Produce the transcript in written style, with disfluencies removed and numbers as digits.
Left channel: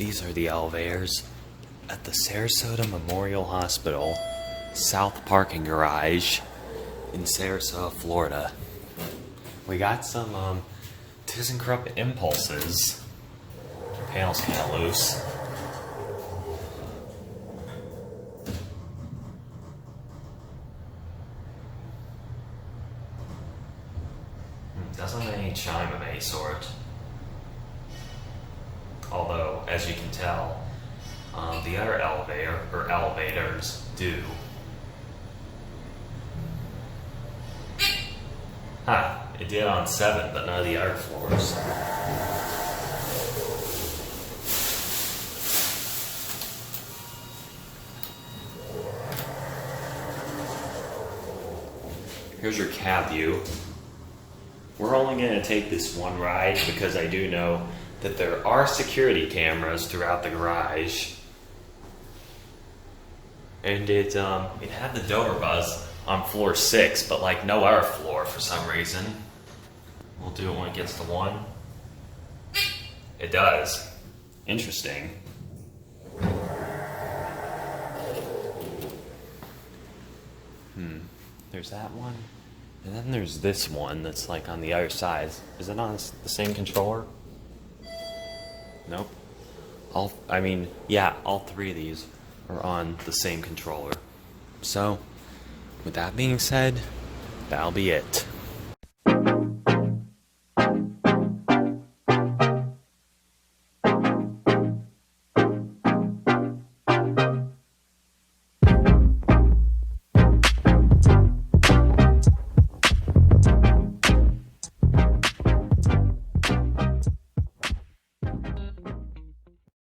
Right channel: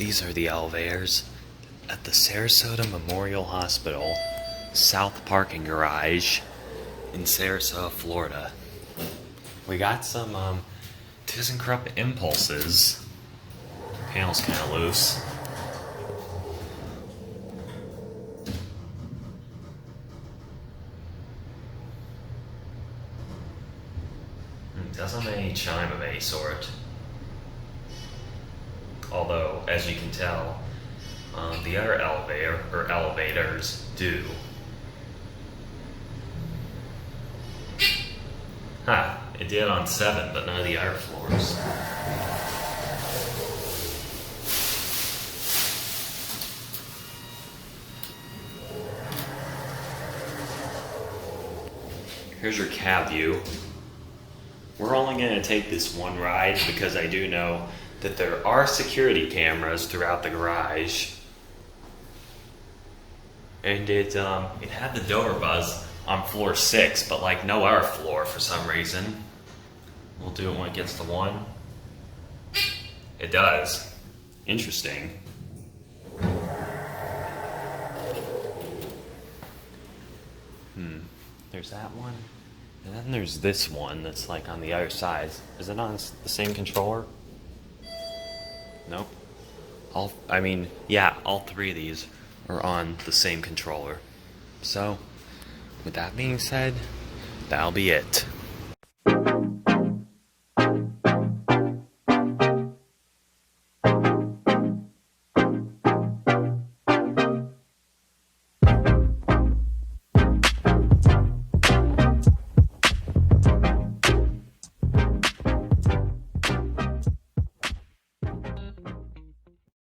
These are the elevators at the Sarasota Memorial Hospital South Parking Garage in Sarasota, Florida. We got some ThyssenKrupp impulses. The panel's kind of loose. Doesn't have any chime of any sort. Although, as you can tell, the other elevators do. Huh, it did on 7, but none of the other floors. Here's your cab view. We're only going to take this one ride because I do know that there are security cameras throughout the garage. And it had the door buzz on floor 6, but like no other floor for some reason. We'll do it when it gets to 1. It does. Interesting. There's that one. And then there's this one that's like on the other side. Is it on the same controller? Nope. All 3 of these are on the same controller. So, with that being said, that'll be it.